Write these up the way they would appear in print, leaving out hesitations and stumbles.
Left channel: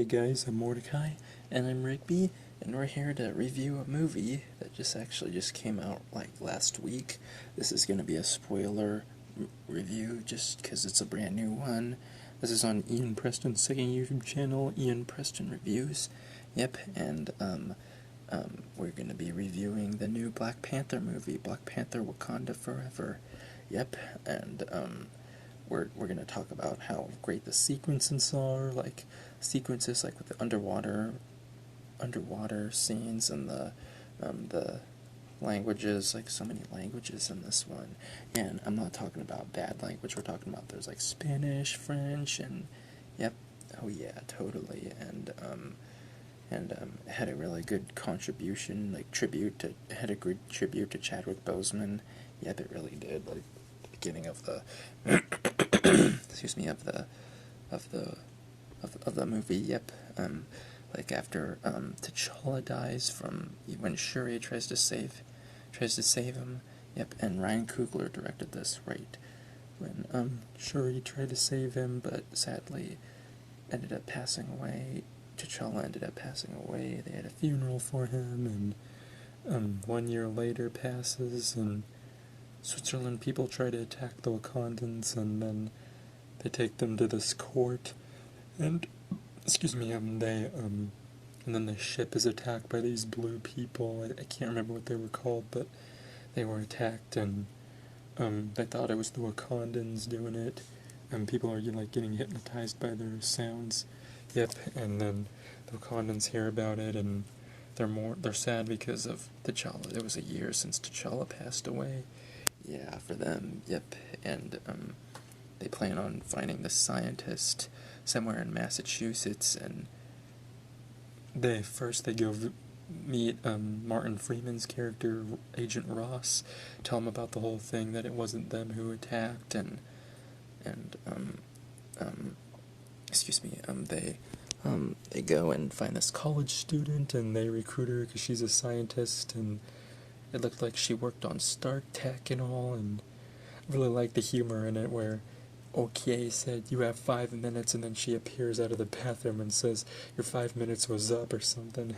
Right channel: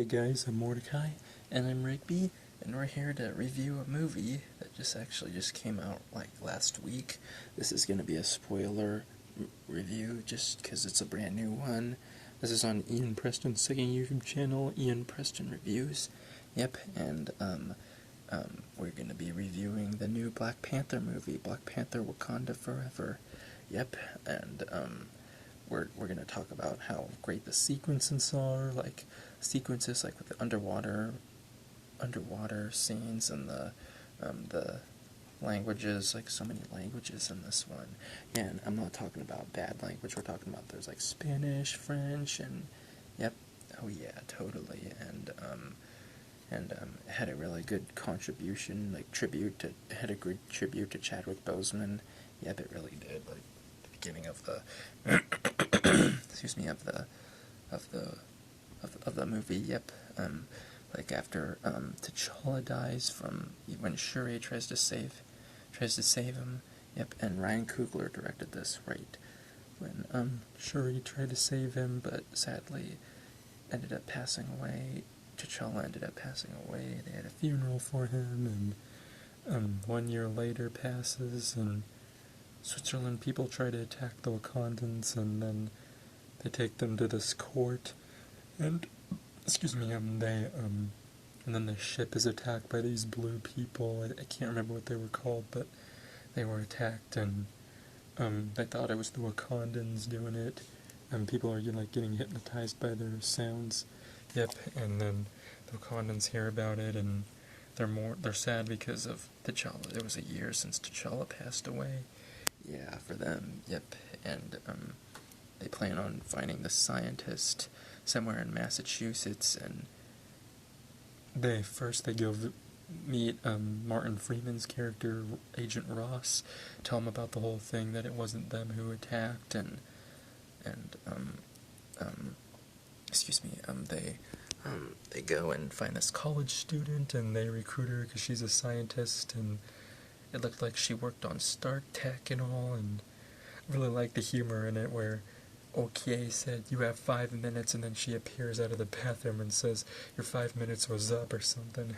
Hey guys, I'm Mordecai, and I'm Rigby, and we're here to review a movie that just came out like last week. This is going to be a spoiler review just because it's a brand new one. This is on Ian Preston's second YouTube channel, Ian Preston Reviews. Yep, and we're going to be reviewing the new Black Panther movie, Black Panther Wakanda Forever. Yep, and we're going to talk about how great the sequences are, like sequences like with the underwater scenes and the languages, like so many languages in this one. And I'm not talking about bad language, we're talking about there's like Spanish, French, and yep, oh yeah, totally. And it had a really good contribution, like had a good tribute to Chadwick Boseman. Yep, it really did. Like the beginning of the excuse me, of the movie. Yep, like after T'Challa dies from when Shuri tries to save him. Yep, and Ryan Coogler directed this right when Shuri tried to save him, but sadly ended up passing away. T'Challa ended up passing away. They had a funeral for him, and 1 year later passes, and Switzerland people try to attack the Wakandans, and then they take them to this court, and and then the ship is attacked by these blue people. I can't remember what they were called, but they were attacked, and they thought it was the Wakandans doing it, and people are like getting hypnotized by their sounds. Yep, and then the Wakandans hear about it, and they're sad because of T'Challa. It was a year since T'Challa passed away. Yeah, for them. Yep, and they plan on finding the scientist somewhere in Massachusetts, and they go meet Martin Freeman's character, Agent Ross, tell him about the whole thing, that it wasn't them who attacked, and they go and find this college student, and they recruit her because she's a scientist, and it looked like she worked on Stark Tech and all, and I really like the humor in it where Okay said, "You have 5 minutes," and then she appears out of the bathroom and says, "Your 5 minutes was up," or something.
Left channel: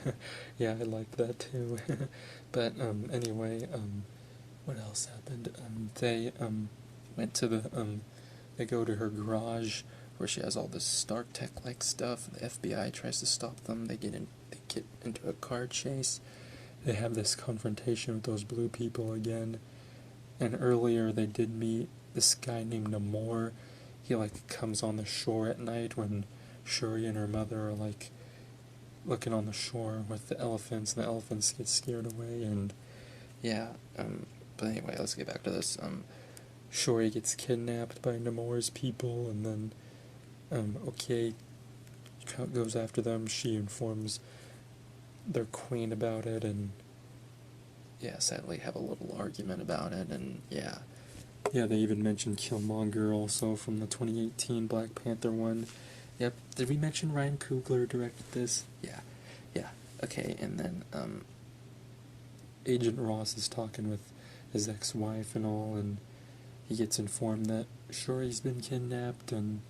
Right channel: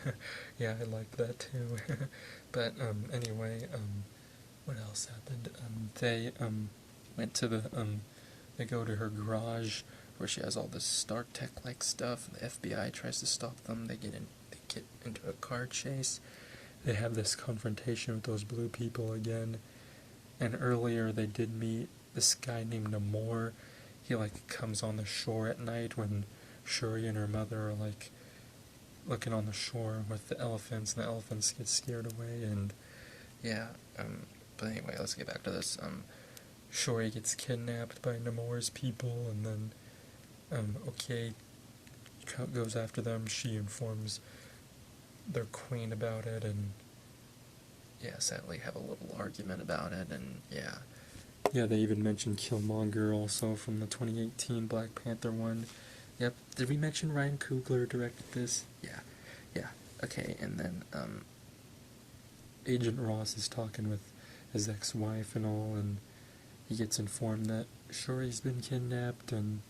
Yeah, I liked that too. But anyway, what else happened? They went to they go to her garage where she has all this Stark Tech like stuff. The FBI tries to stop them. They get into a car chase. They have this confrontation with those blue people again. And earlier they did meet this guy named Namor. He like comes on the shore at night when Shuri and her mother are like looking on the shore with the elephants, and the elephants get scared away, and yeah, but anyway, let's get back to this. Shuri gets kidnapped by Namor's people, and then Okay goes after them. She informs their queen about it, and yeah, sadly have a little argument about it, and yeah. Yeah, they even mentioned Killmonger also from the 2018 Black Panther one. Yep, did we mention Ryan Coogler directed this? Yeah, okay, and then, Agent Ross is talking with his ex-wife and all, and he gets informed that Shuri's been kidnapped, and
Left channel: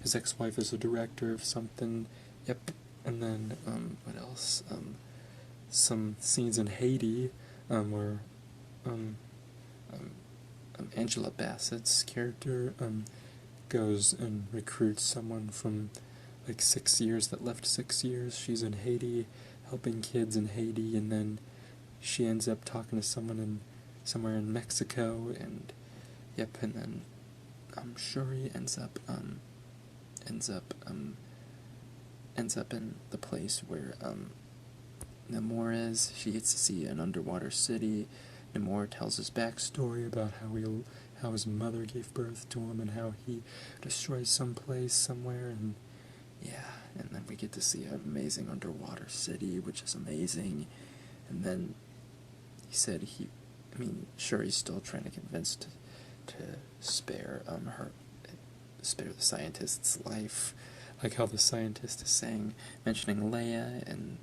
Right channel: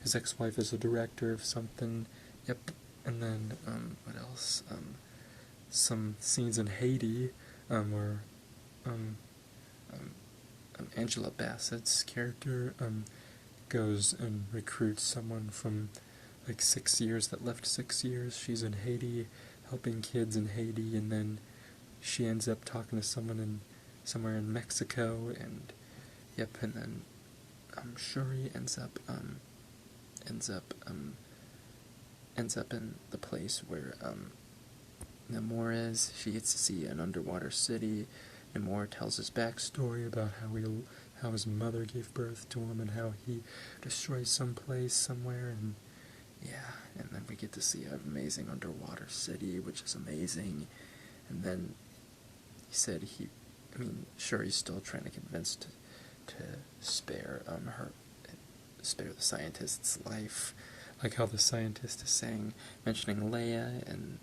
his ex-wife is a director of something. Yep, and then, what else? Some scenes in Haiti, where, Angela Bassett's character goes and recruits someone from like 6 years that left 6 years. She's in Haiti helping kids in Haiti, and then she ends up talking to someone somewhere in Mexico, and yep, and then Shuri ends up in the place where Namor is. She gets to see an underwater city. Namor tells his backstory about how his mother gave birth to him, and how he destroys some place somewhere, and yeah, and then we get to see an amazing underwater city, which is amazing. And then he said Shuri's still trying to convince to spare the scientist's life, like how the scientist is mentioning Leia, and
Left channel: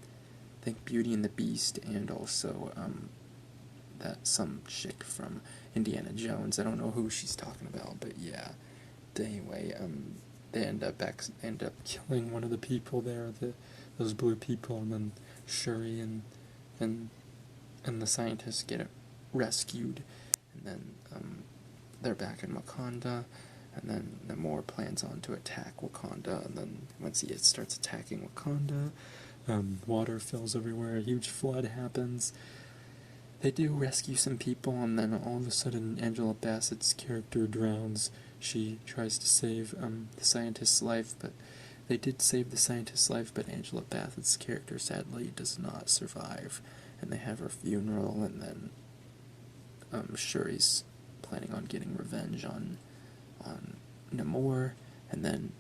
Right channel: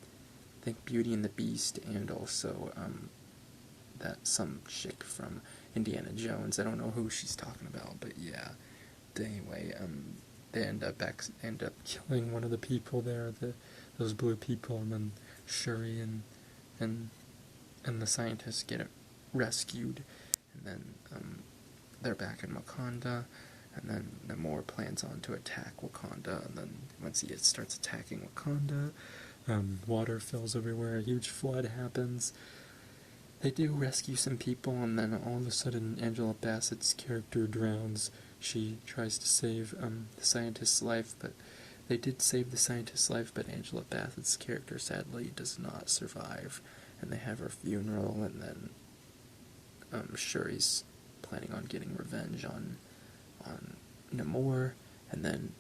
I think Beauty and the Beast, and also that some chick from Indiana Jones. I don't know who she's talking about, but yeah. But anyway, they end up killing one of the people there, those blue people, and then Shuri and the scientists get rescued, and then they're back in Wakanda, and then Namor plans on to attack Wakanda, and then once he starts attacking Wakanda, water fills everywhere, a huge flood happens. They do rescue some people, and then all of a sudden Angela Bassett's character drowns. She tries to save the scientist's life, but they did save the scientist's life, but Angela Bassett's character sadly does not survive, and they have her funeral, and then Shuri's planning on getting revenge on Namor, and then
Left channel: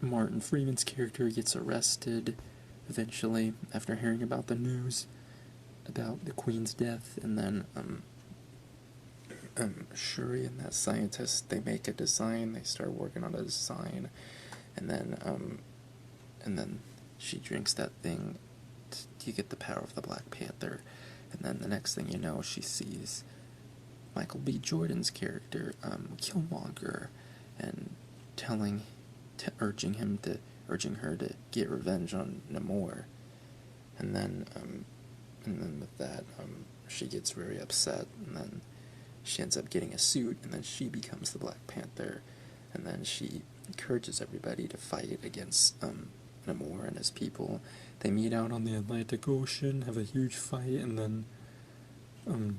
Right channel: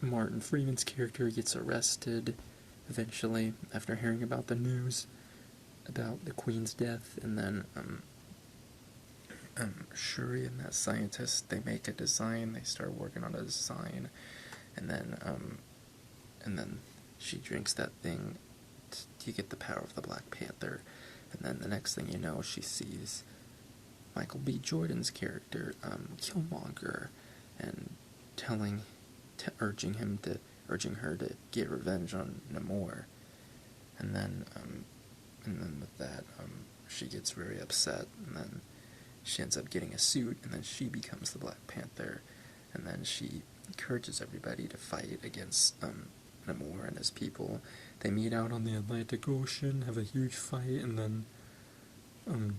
Martin Freeman's character gets arrested eventually after hearing about the news about the Queen's death, and then Shuri and that scientist, they make a design, they start working on a design, and then she drinks that thing to get the power of the Black Panther, and then the next thing you know, she sees Michael B. Jordan's character, Killmonger, and urging her to get revenge on Namor, and then with that, she gets very upset, and then she ends up getting a suit, and then she becomes the Black Panther, and then she encourages everybody to fight against Namor and his people. They meet out on the Atlantic Ocean, have a huge fight, and then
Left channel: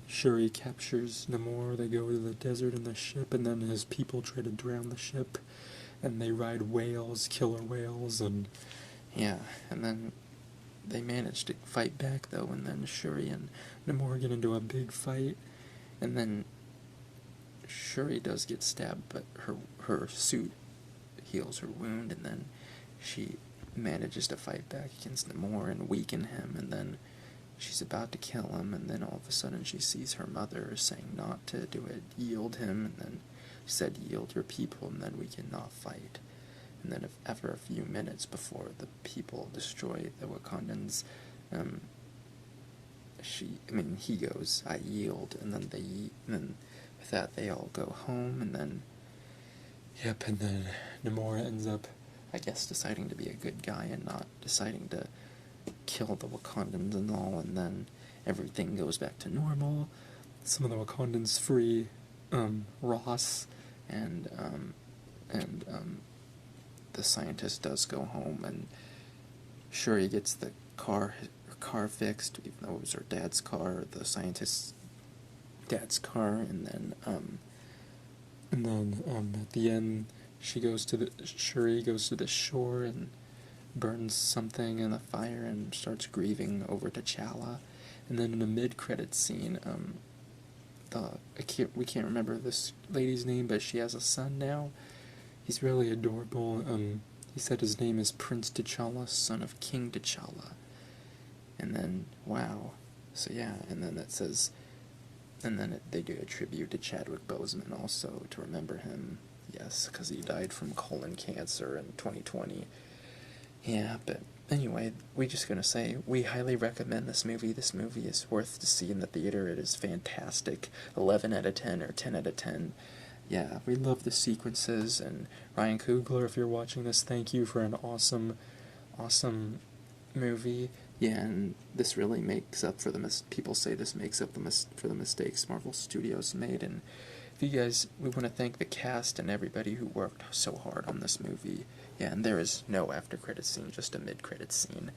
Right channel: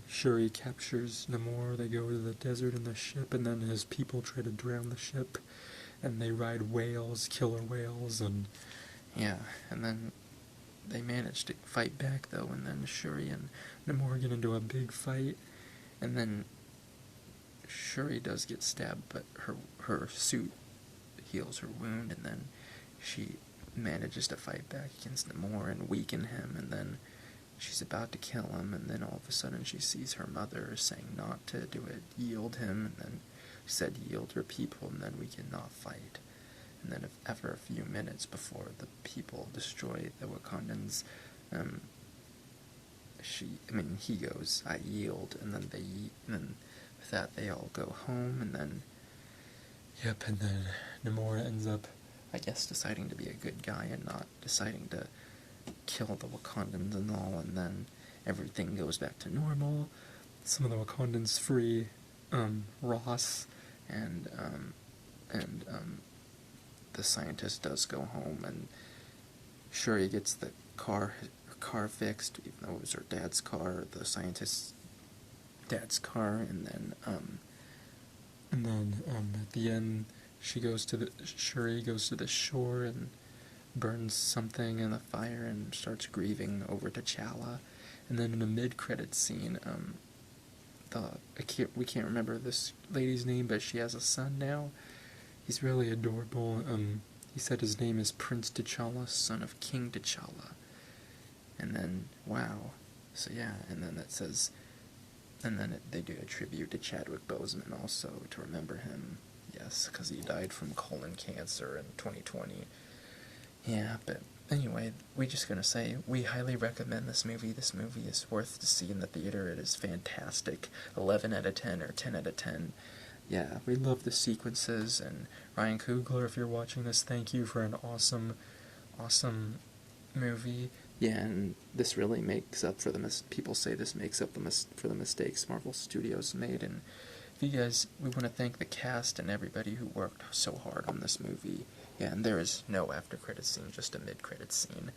Shuri captures Namor. They go to the desert in the ship, and then his people try to drown the ship, and they ride whales, killer whales, and yeah, and then they manage to fight back, though, and then Shuri and Namor get into a big fight, and then Shuri does get stabbed, but her suit heals her wound, and then she manages to fight back against Namor and weaken him, and then she's about to kill him, and then all of a sudden she sees her mother saying not to do it, yield him, and then she said, yield your people, and then we cannot fight. And then after a few minutes before the people destroy the Wakandans, he goes, I yield, and then with that they all go home, and then Namor ends up, I guess, deciding to be a good guy and not deciding to kill the Wakandans and all, and then everything goes back to normal. Some of the Wakandans free Ross, and the scientist does go home, and Shuri gets the car fixed, even though it was her dad's car, the scientist's dad's car, and then at the end, Shuri goes to the shore and burns something in the fire and starts grieving over T'Challa, and then in a mid-credit scene, we can't remember this lady's name, but she has a son now. He's really adorable. He said his name is Prince T'Challa, son of King T'Challa. And then, wow. So yeah, and then it says, and then they do a tribute to Chadwick Boseman also to remember him. Yes, because he died from colon cancer in 2020. Yeah, but anyway, we're just going to say, we highly recommend this movie. This movie is worth to see in the theater. It is fantastic. 11 out of 10 or 10 out of 10. Yeah, we love the sequences, and Ryan Coogler, if you're watching this, thank you for an awesome movie. Yeah, and this really makes up for people say this makes up for the mistakes Marvel Studios made, and we want to thank the cast and everybody who worked so hard on this movie. Yeah, and there is no after-credits scene, just a mid-credits scene.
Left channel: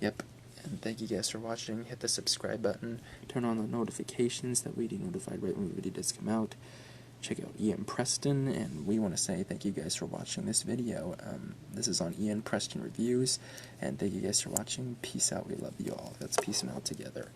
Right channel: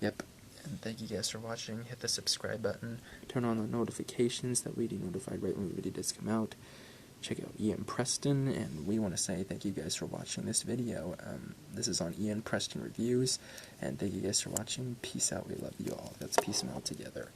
Yep, and thank you guys for watching. Hit the subscribe button, turn on the notifications, that way you'll be notified right when the video does come out. Check out Ian Preston, and we want to say thank you guys for watching this video. This is on Ian Preston Reviews, and thank you guys for watching. Peace out. We love you all. Let's peace them out together.